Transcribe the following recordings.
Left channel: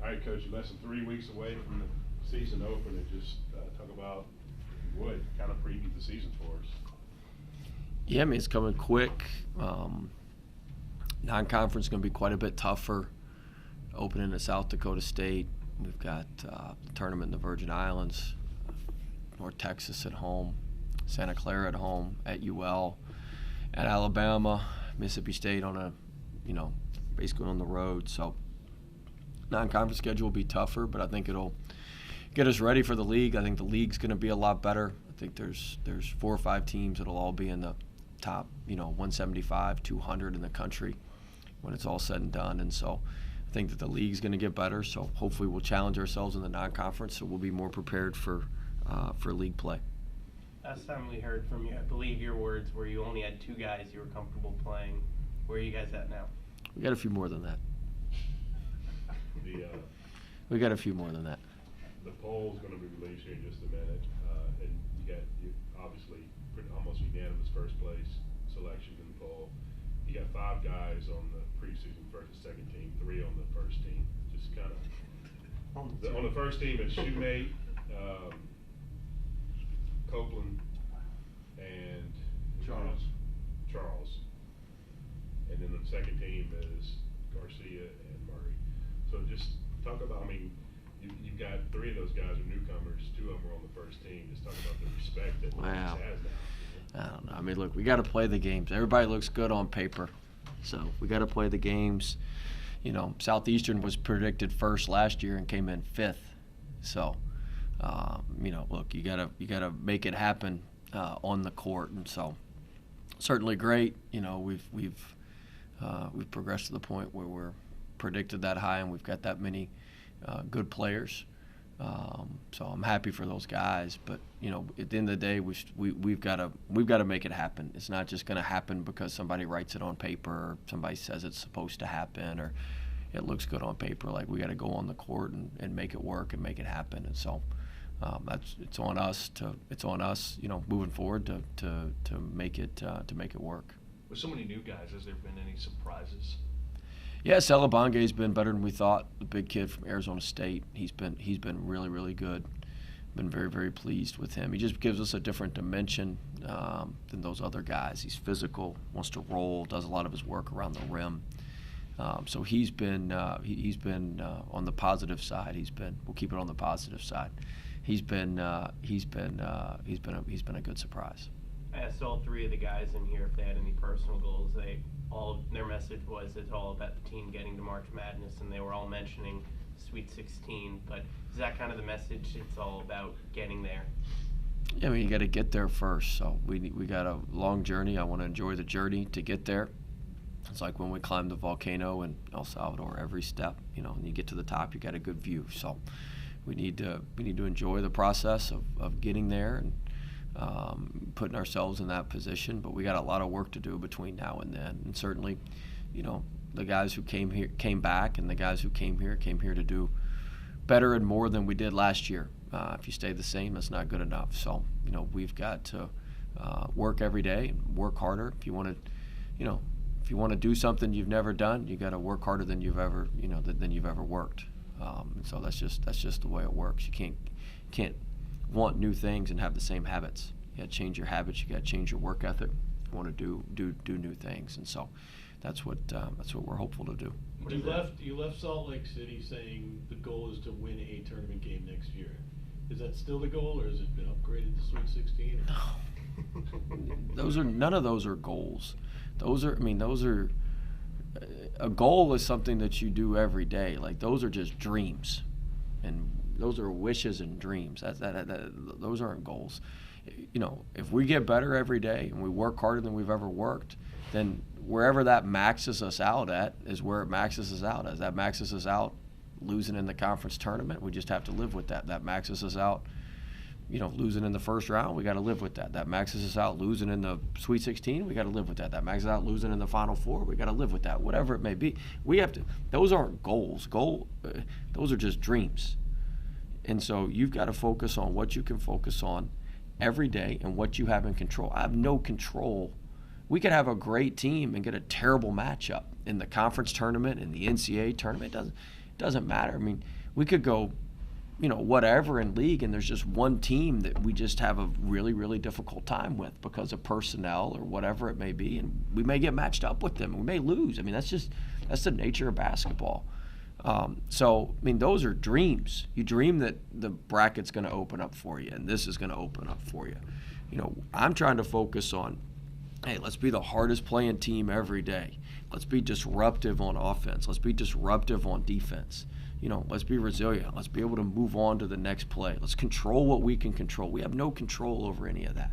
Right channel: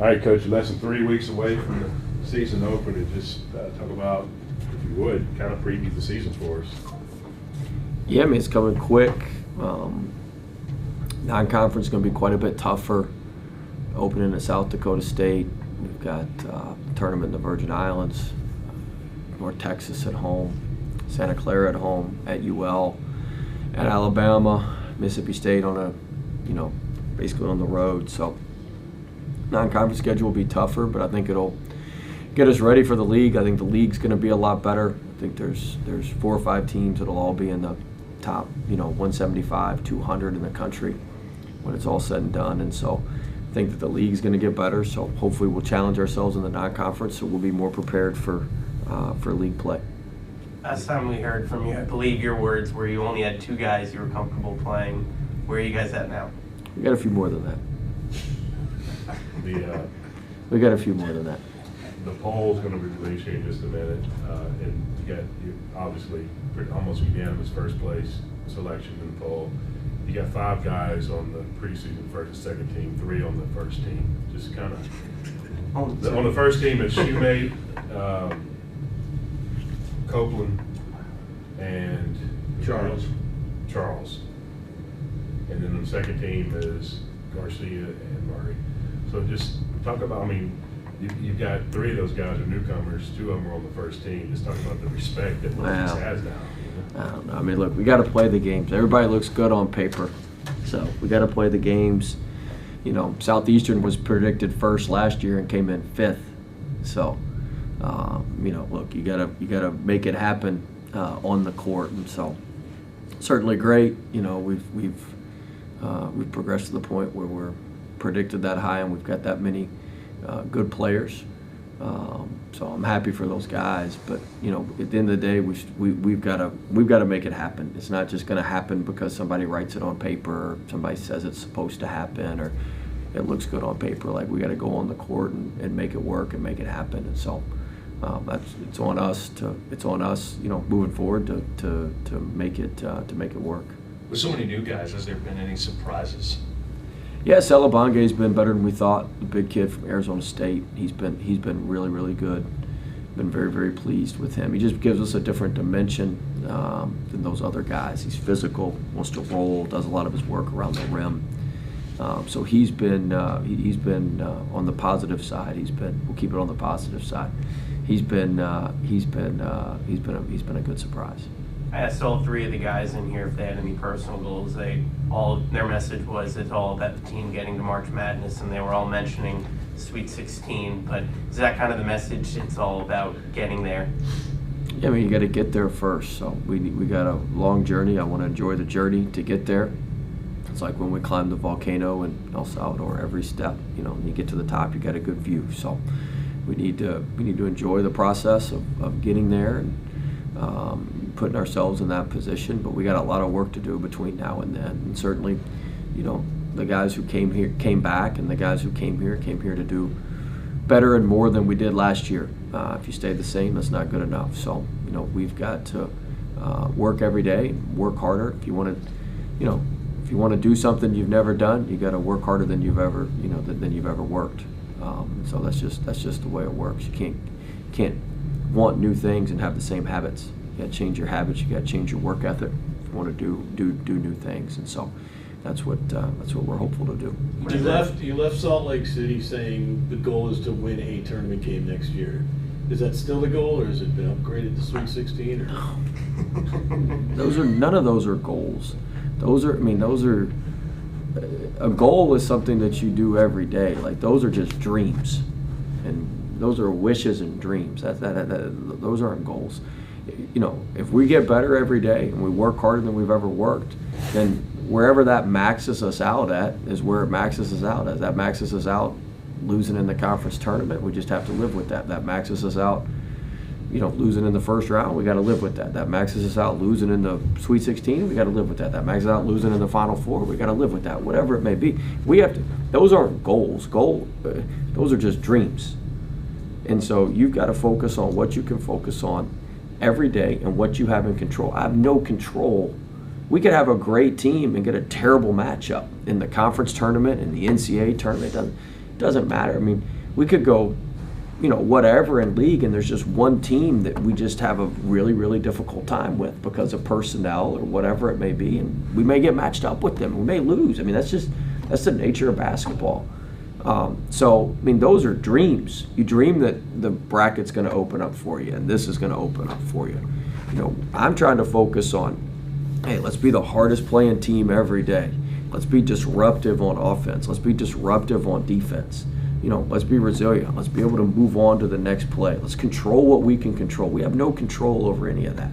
All right, Coach, less than 3 weeks away from the season opening. Just talk about, if you would, kind of preview the season for us. Yeah, I mean, it's coming quick. Non-conference is going to be quite a bit tougher. Opening at South Dakota State. We've got a tournament in the Virgin Islands, North Texas at home, Santa Clara at home, at UL, at Alabama, Mississippi State on a, basically on the road. So non-conference schedule will be tougher, but I think it'll get us ready for the league. I think the league's going to be a lot better. I think there's 4 or 5 teams that'll all be in the top, 175, 200 in the country when it's all said and done. And so I think that the league's going to get better. So hopefully we'll challenge ourselves in the non-conference, so we'll be more prepared for league play. Last time we heard from you, I believe your words were you only had 2 guys you were comfortable playing. Where are you guys at now? We got a few more than that. We got a few more than that. The poll's going to be released here in just a minute, and you obviously almost unanimous first place selection in the poll. You got 5 guys on the preseason first and second team, 3 on the first team. Just kind of on the first team it's Shoemate, Copeland, and Charles. And then the second team is Garcia and Murray. So just talk about, you've got 3 of those guys are newcomers, 2 of them are on the first team. Just talk about the respect that McNeese has now. I don't know. Look, we got to play the games. Everybody looks good on paper, so we got to play the games. Southeastern was predicted first last year and came in 5th. So, look, you gotta make it happen on the court, and so certainly great. We've progressed to the point where we're predicted that high, and we've got that many good players. So I'm happy for those guys, but at the end of the day, we've got to make it happen. It's not just going to happen because somebody writes it on paper, or somebody says it's supposed to happen, or it looks good on paper. Like, we got to go on the court and make it work and make it happen. And so it's on us, moving forward to make it work. With so many new guys, has there been any surprises? Yeah, Celebonge's been better than we thought. The big kid from Arizona State, he's been really, really good. Been very, very pleased with him. He just gives us a different dimension than those other guys. He's physical, wants to roll, does a lot of his work around the rim. So he's been on the positive side. We'll keep it on the positive side. He's been a good surprise. I asked all 3 of the guys in here if they had any personal goals. Their message was it's all about the team getting to March Madness, and they were all mentioning Sweet 16. But is that kind of the message? It's all about getting there. Yeah, you got to get there first. So we got a long journey. I want to enjoy the journey to get there. It's like when we climbed the volcano in El Salvador. Every step, when you get to the top, you got a good view. So we need to enjoy the process of getting there and putting ourselves in that position. But we got a lot of work to do between now and then. And certainly, the guys who came back, and the guys who came here to do better and more than we did last year. If you stay the same, that's not good enough. So we've got to work every day, work harder. If you want to do something you've never done, you got to work harder than you've ever worked. So that's just the way it works. You can't want new things and have the same habits. You got to change your habits. You got to change your work ethic if you want to do new things. And so that's what we're hopeful to do. You left Salt Lake City saying the goal is to win a tournament game next year. Is that still the goal, or has it been upgraded to Sweet 16? None of those are goals. A goal is something that you do every day. Like, those are just dreams, and those are wishes and dreams. Those aren't goals. If we get better every day and we work harder than we've ever worked, then wherever that maxes us out at is where it maxes us out. As that maxes us out losing in the conference tournament, we just have to live with that. That maxes us out, losing in the first round, we got to live with that. That maxes us out losing in the Sweet 16, we got to live with that. That maxes out losing in the Final Four, we got to live with that. Whatever it may be, those aren't goals. Those are just dreams. And so you've got to focus on what you can focus on every day and what you have in control. I have no control. We could have a great team and get a terrible matchup in the conference tournament and the NCAA tournament. doesn't matter. I mean, we could go, whatever in league, and there's just one team that we just have a really, really difficult time with because of personnel or whatever it may be, and we may get matched up with them. We may lose. I mean, that's the nature of basketball. So, I mean, those are dreams. You dream that the bracket's going to open up for you, and this is going to open up for you. I'm trying to focus on, hey, let's be the hardest playing team every day. Let's be disruptive on offense. Let's be disruptive on defense. Let's be resilient. Let's be able to move on to the next play. Let's control what we can control. We have no control over any of that.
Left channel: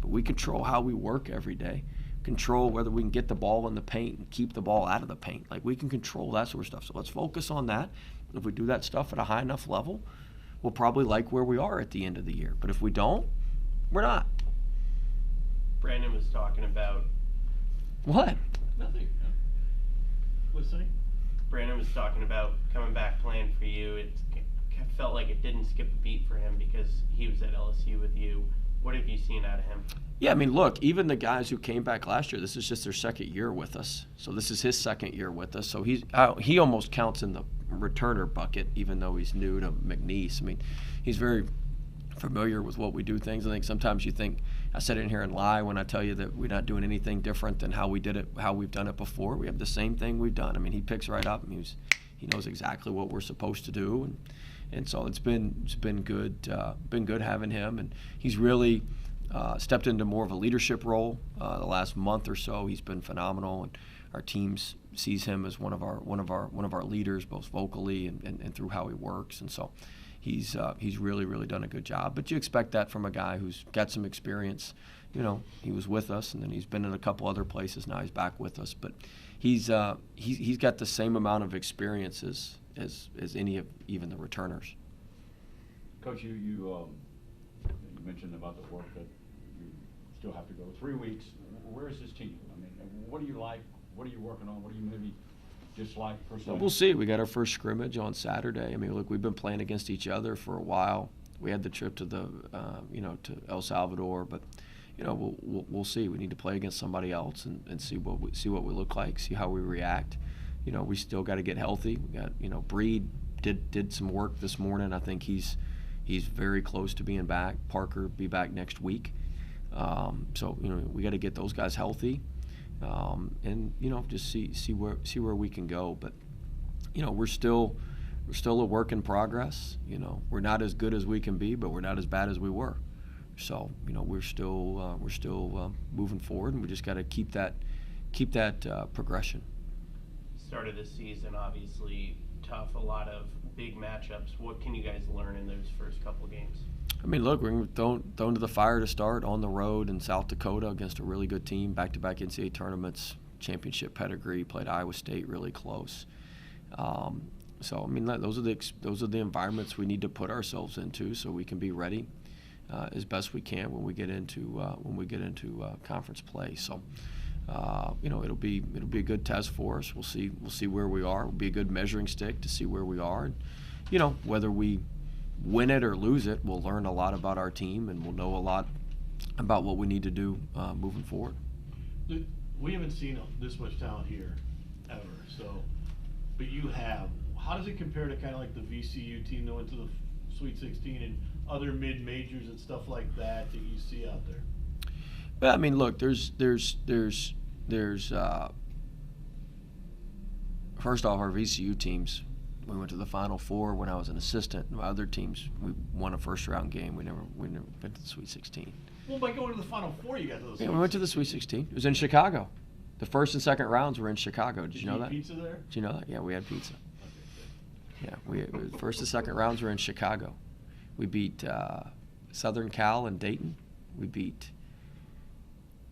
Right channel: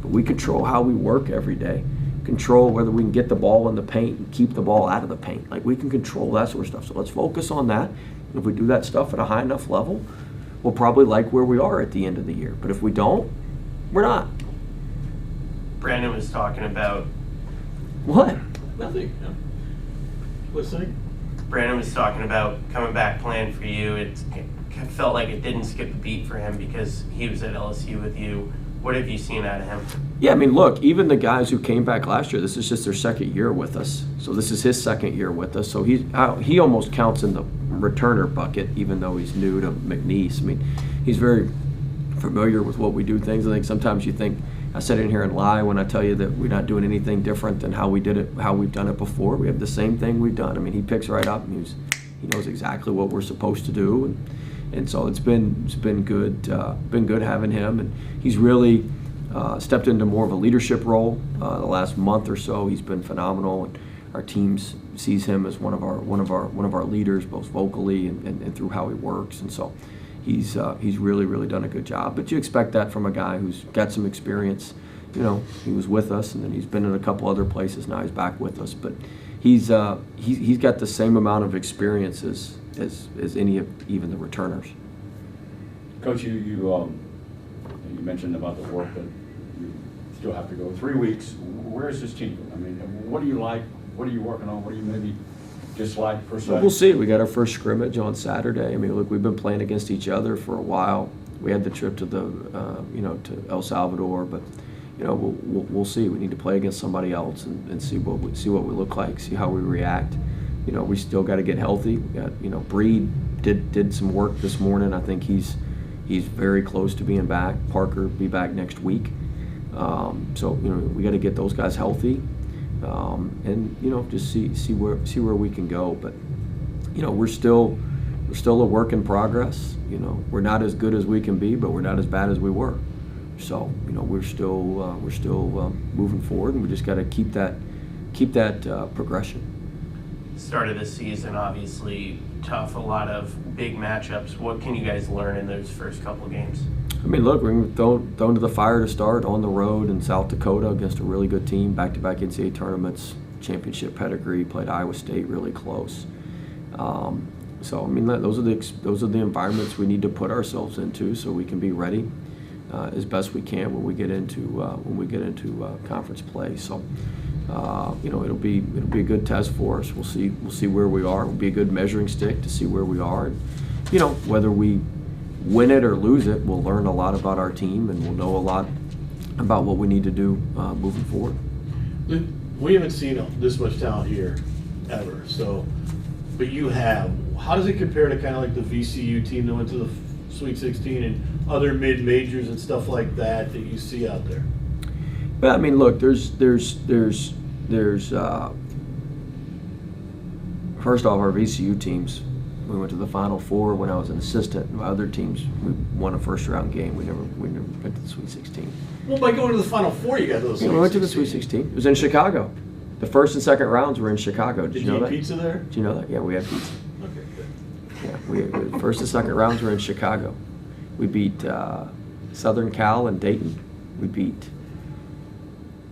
But we control how we work every day. Control whether we can get the ball in the paint and keep the ball out of the paint. Like, we can control that sort of stuff. So let's focus on that. And if we do that stuff at a high enough level, we'll probably like where we are at the end of the year. But if we don't, we're not. Brandon was talking about. What? Nothing. No. Listening. Brandon was talking about coming back playing for you. It felt like it didn't skip a beat for him because he was at LSU with you. What have you seen out of him? Yeah, I mean, look, even the guys who came back last year, this is just their second year with us. So this is his second year with us. So he almost counts in the returner bucket, even though he's new to McNeese. I mean, he's very familiar with what we do things. I think sometimes you think, I sit in here and lie when I tell you that we're not doing anything different than how we did it, how we've done it before. We have the same thing we've done. I mean, he picks right up, and he knows exactly what we're supposed to do, and so it's been good having him, and he's really stepped into more of a leadership role the last month or so. He's been phenomenal, and our team sees him as one of our leaders, both vocally and through how he works, and so. He's really done a good job, but you expect that from a guy who's got some experience. He was with us, and then he's been in a couple other places. Now he's back with us, but he's got the same amount of experience as any of even the returners. Coach, you mentioned about the work, but you still have to go 3 weeks. Where is this team? I mean, what do you like? What are you working on? What do you maybe dislike per se? We'll see. We got our first scrimmage on Saturday. I mean, look, we've been playing against each other for a while. We had the trip to to El Salvador, but we'll see. We need to play against somebody else and see what we look like, see how we react. We still got to get healthy. We got Breed did some work this morning. I think he's very close to being back. Parker be back next week. So we got to get those guys healthy. And just see where we can go, but we're still a work in progress. We're not as good as we can be, but we're not as bad as we were. So we're still moving forward, and we just got to keep that progression. Start of the season, obviously tough, a lot of big matchups. What can you guys learn in those first couple of games? I mean, look, we're thrown to the fire to start on the road in South Dakota against a really good team, back-to-back NCAA tournaments, championship pedigree, played Iowa State really close. So I mean, those are the environments we need to put ourselves into so we can be ready as best we can when we get into conference play. So it'll be a good test for us. We'll see where we are. It'll be a good measuring stick to see where we are. And, whether we win it or lose it, we'll learn a lot about our team, and we'll know a lot about what we need to do moving forward. We haven't seen this much talent here ever. So, but you have. How does it compare to kind of like the VCU team that went to the Sweet 16 and other mid-majors and stuff like that you see out there? But I mean, look, there's first off, our VCU teams. We went to the Final Four when I was an assistant. My other teams, we won a first-round game. We never went to the Sweet 16. Well, by going to the Final Four, you got those. Yeah, we went to the Sweet 16. It was in Chicago. The first and second rounds were in Chicago. Did you know that? Pizza there? Did you know that? Yeah, we had pizza. Okay, good. Yeah, first and second rounds were in Chicago. We beat Southern Cal and Dayton. We beat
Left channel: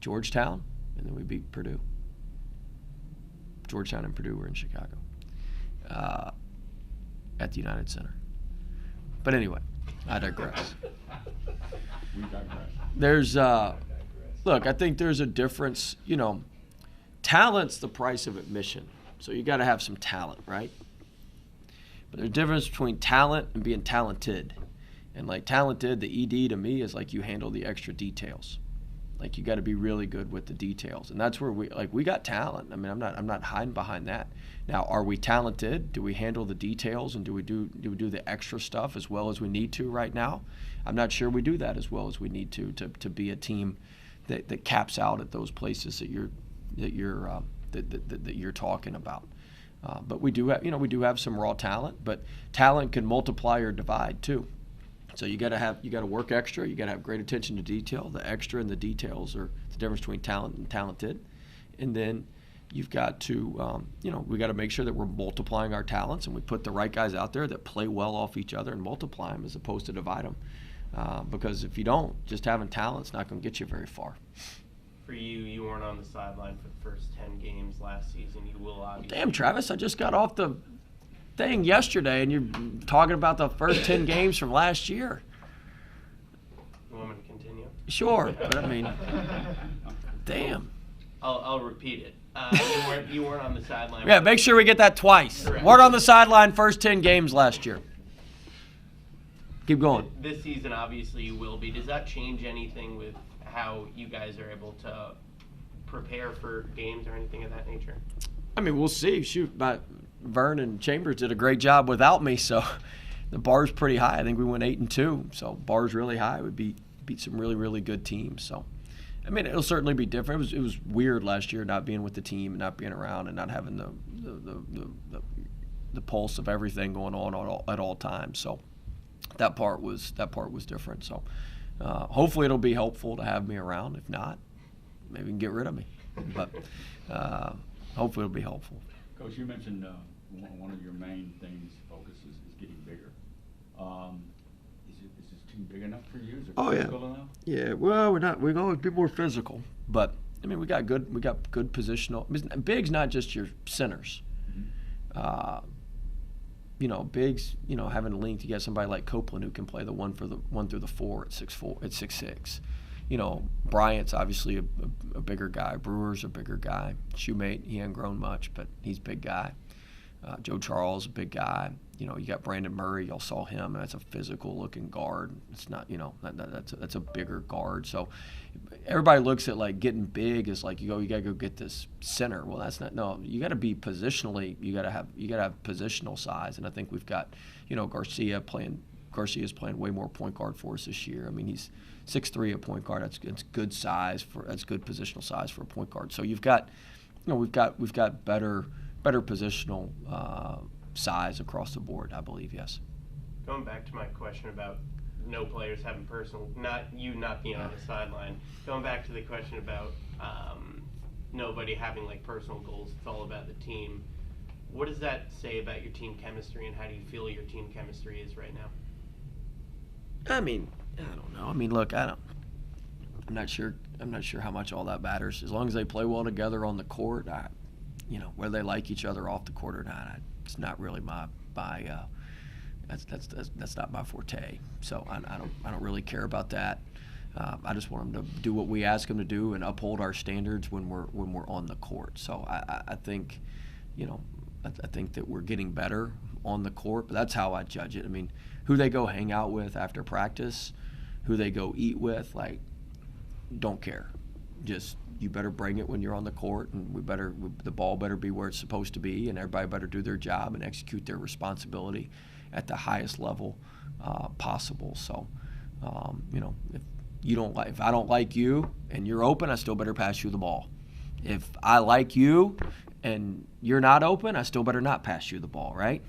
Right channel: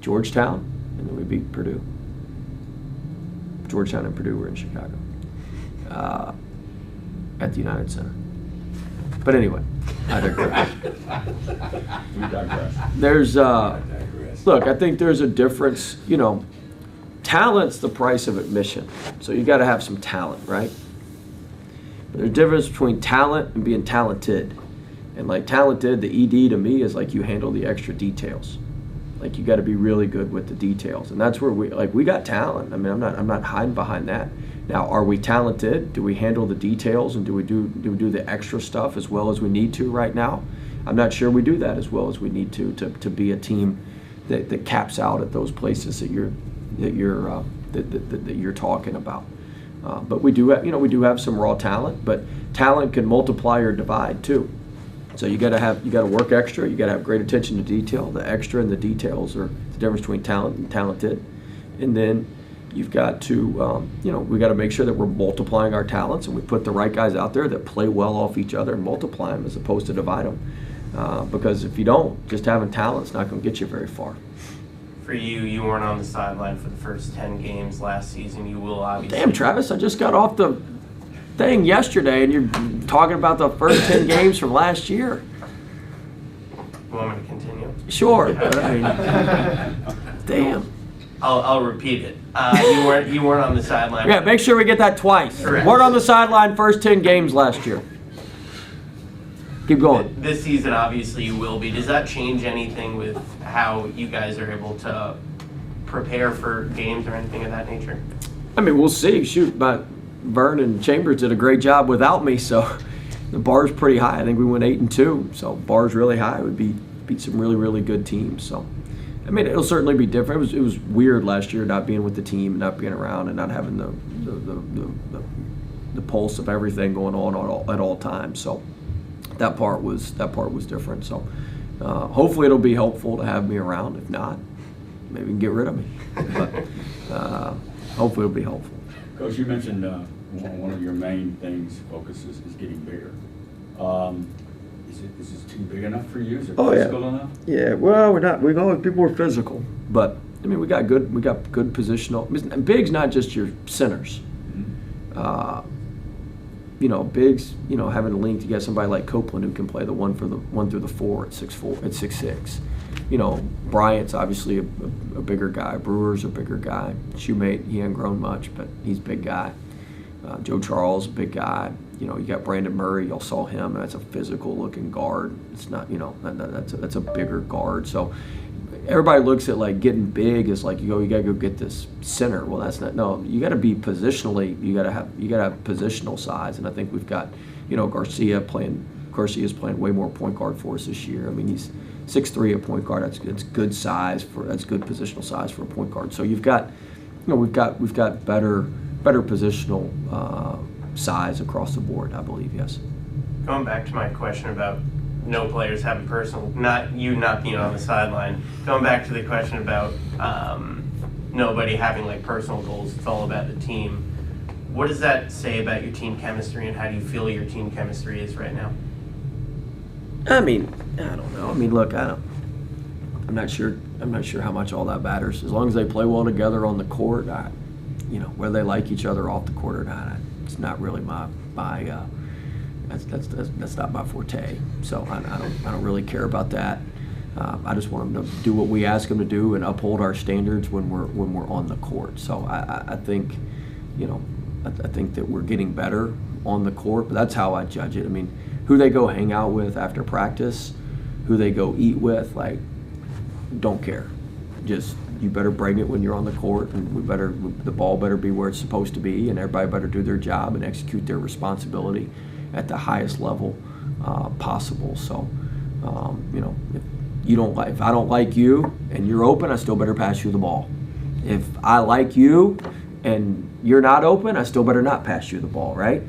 Georgetown, and then we beat Purdue. Georgetown and Purdue were in Chicago at the United Center. But anyway, I digress. We digress. There's, look, I think there's a difference, talent's the price of admission. So you got to have some talent, right? But there's a difference between talent and being talented. And like talented, the ED to me is like you handle the extra details. Like you got to be really good with the details. And that's where we got talent. I mean, I'm not hiding behind that. Now, are we talented? Do we handle the details, and do we do the extra stuff as well as we need to right now? I'm not sure we do that as well as we need to be a team that caps out at those places that you're talking about. But we do have some raw talent, but talent can multiply or divide too. So you got to work extra. You got to have great attention to detail. The extra and the details are the difference between talent and talented. And then you've got to, we got to make sure that we're multiplying our talents, and we put the right guys out there that play well off each other and multiply them as opposed to divide them. Because if you don't, just having talent's not going to get you very far. For you weren't on the sideline for the first 10 games last season. You will obviously. Damn, Travis, I just got off the thing yesterday, and you're talking about the first 10 games from last year. You want me to continue? Sure, but I mean, damn. I'll repeat it. You weren't on the sideline. Yeah, make sure we get that twice. Correct. Weren't on the sideline first 10 games last year. Keep going. This season, obviously, you will be. Does that change anything with how you guys are able to prepare for games or anything of that nature? I mean, we'll see. Shoot, but Vern and Chambers did a great job without me, so the bar's pretty high. I think we went 8-2, so bar's really high. We beat some really, really good teams. So, I mean, it'll certainly be different. It was weird last year not being with the team, and not being around, and not having the pulse of everything going on at all times. So that part was different. So hopefully it'll be helpful to have me around. If not, maybe you can get rid of me. But hopefully it'll be helpful. Coach, you mentioned one of your main focuses is getting bigger. Is this team big enough for you? Is it physical enough? Yeah, well, we're not. We've always been more physical, but I mean, we got good positional. And big's not just your centers. Bigs. Having a link to get somebody like Copeland who can play the 1 through the 4 at 6'4", at 6'6". Bryant's obviously a bigger guy. Brewer's a bigger guy. Shoemate, he hasn't grown much, but he's a big guy. Joe Charles, a big guy. You got Brandon Murray. Y'all saw him. That's a physical-looking guard. It's not, that's a bigger guard. So everybody looks at like getting big as like you got to go get this center. Well, that's not. No, you got to be positionally. You got to have positional size. And I think we've got, Garcia's playing way more point guard for us this year. I mean, he's 6'3" at point guard. That's good size that's good positional size for a point guard. So you've got, we've got better positional size across the board, I believe, yes. Going back to my question about no players having personal, not being on the sideline, going back to the question about nobody having like personal goals, it's all about the team. What does that say about your team chemistry, and how do you feel your team chemistry is right now? I mean, I don't know. I mean, look, I'm not sure how much all that matters. As long as they play well together on the court, whether they like each other off the court or not, it's not really that's not my forte. So I don't really care about that. I just want them to do what we ask them to do and uphold our standards when we're on the court. So I think, I think that we're getting better on the court, but that's how I judge it. I mean, who they go hang out with after practice, who they go eat with, like, don't care. Just, you better bring it when you're on the court, and the ball better be where it's supposed to be, and everybody better do their job and execute their responsibility at the highest level possible. So, if I don't like you and you're open, I still better pass you the ball. If I like you and you're not open, I still better not pass you the ball, right?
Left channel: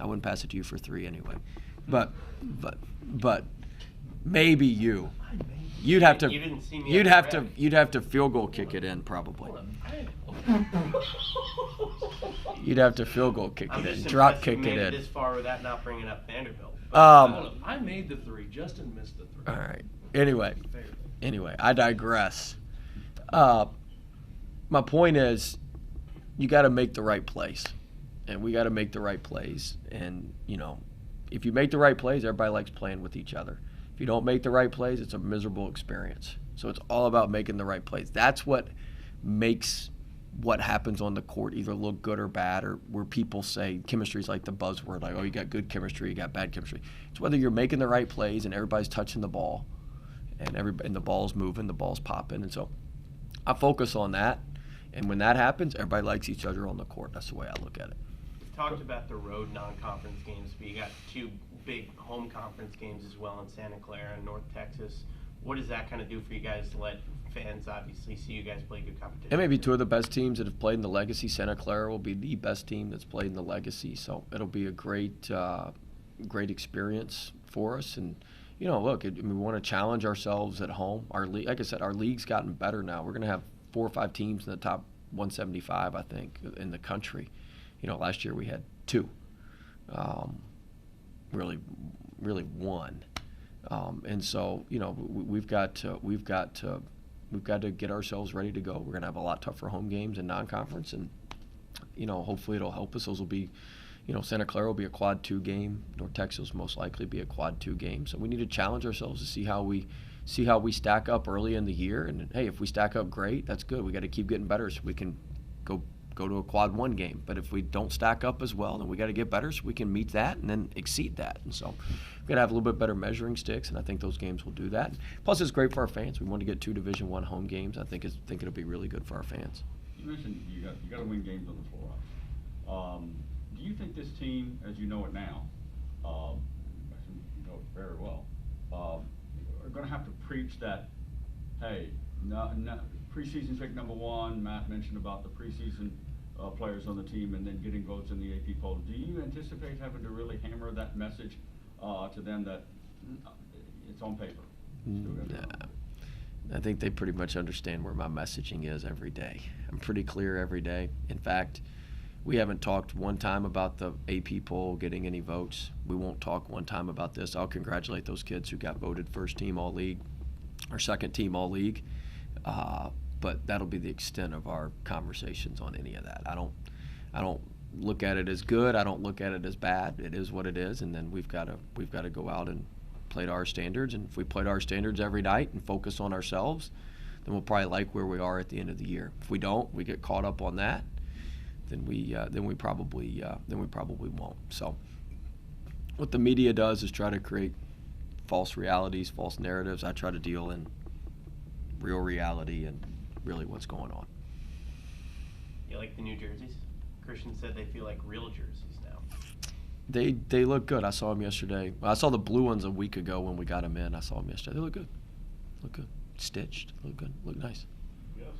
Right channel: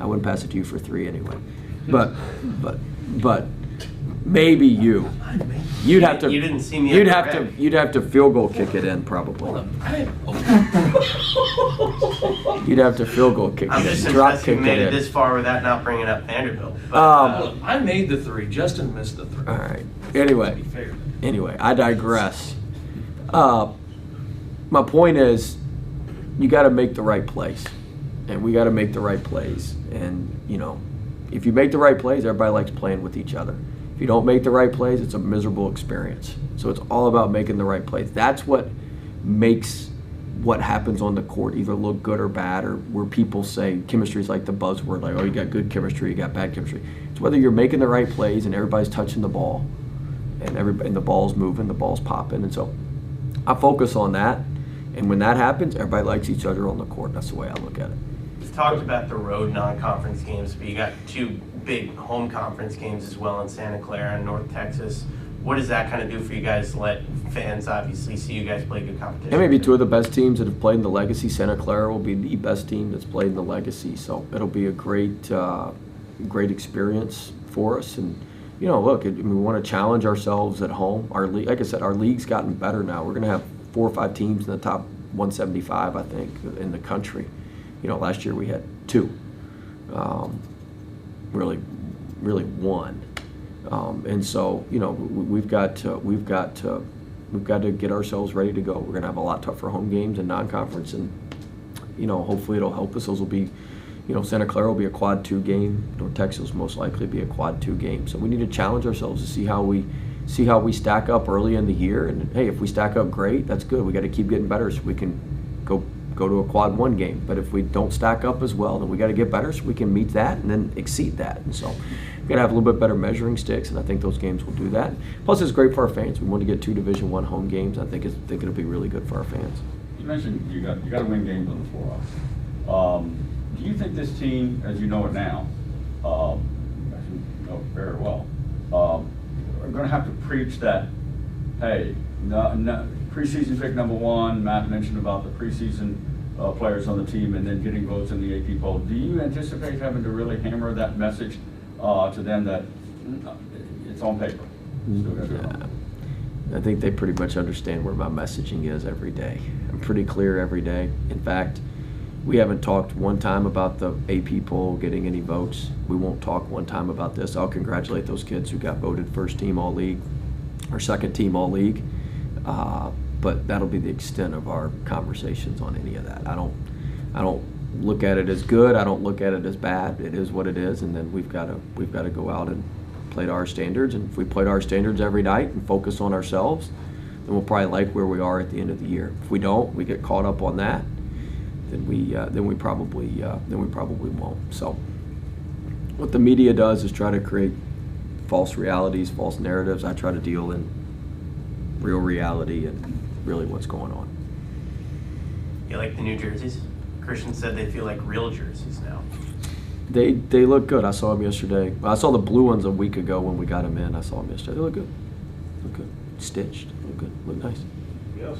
I wouldn't pass it to you for 3 anyway. But maybe you. You'd have to. You didn't see me. You'd have to field goal kick it in probably. You'd have to field goal kick I'm it just in. Drop impressed you kick made it it in. this far without not bringing up Vanderbilt. But, I made the 3. Justin missed the 3. All right. Anyway, I digress. My point is, you got to make the right plays, and we got to make the right plays. And if you make the right plays, everybody likes playing with each other. If you don't make the right plays, it's a miserable experience. So it's all about making the right plays. That's what makes what happens on the court either look good or bad, or where people say chemistry is like the buzzword, like, oh, you got good chemistry, you got bad chemistry. It's whether you're making the right plays and everybody's touching the ball, and the ball's moving, the ball's popping. And so I focus on that. And when that happens, everybody likes each other on the court. That's the way I look at it. We've talked about the road non-conference games, but you got 2 big home conference games as well in Santa Clara and North Texas. What does that kind of do for you guys? Let fans obviously see you guys play good competition. It may be 2 of the best teams that have played in the Legacy. Santa Clara will be the best team that's played in the Legacy. So it'll be a great experience for us. And, you know, look, we want to challenge ourselves at home. Our league, like I said, our league's gotten better now. We're going to have 4 or 5 teams in the top 175, I think, in the country. You know, last year we had 2. Really 1. And so, you know, we've got to get ourselves ready to go. We're going to have a lot tougher home games in non-conference, and, you know, hopefully it'll help us. Those will be, you know, Santa Clara will be a quad 2 game. North Texas will most likely be a quad 2 game. So we need to challenge ourselves to see how we stack up early in the year. And hey, if we stack up great, that's good. We got to keep getting better so we can go to a quad 1 game. But if we don't stack up as well, then we got to get better so we can meet that and then exceed that. And so we've got to have a little bit better measuring sticks, and I think those games will do that. Plus, it's great for our fans. We want to get 2 Division I home games. I think it'll be really good for our fans. You mentioned you got to win games on the floor. Do you think this team, as you know it now, as you know it very well, are going to have to preach that, hey, no, preseason pick number 1, Matt mentioned about the preseason players on the team and then getting votes in the AP poll. Do you anticipate having to really hammer that message to them that it's on paper? I think they pretty much understand where my messaging is every day. I'm pretty clear every day. In fact, we haven't talked one time about the AP poll getting any votes. We won't talk one time about this. I'll congratulate those kids who got voted first team all league or second team all league. But that'll be the extent of our conversations on any of that. I don't look at it as good. I don't look at it as bad. It is what it is, and then we've got to go out and play to our standards. And if we play to our standards every night and focus on ourselves, then we'll probably like where we are at the end of the year. If we don't, we get caught up on that, then we probably won't. So what the media does is try to create false realities, false narratives. I try to deal in real reality and really what's going on. You like the new jerseys? Christian said they feel like real jerseys now. They look good. I saw them yesterday. I saw the blue ones a week ago when we got them in. I saw them yesterday. They look good. Look good. Stitched. Look good. Look nice. Yes.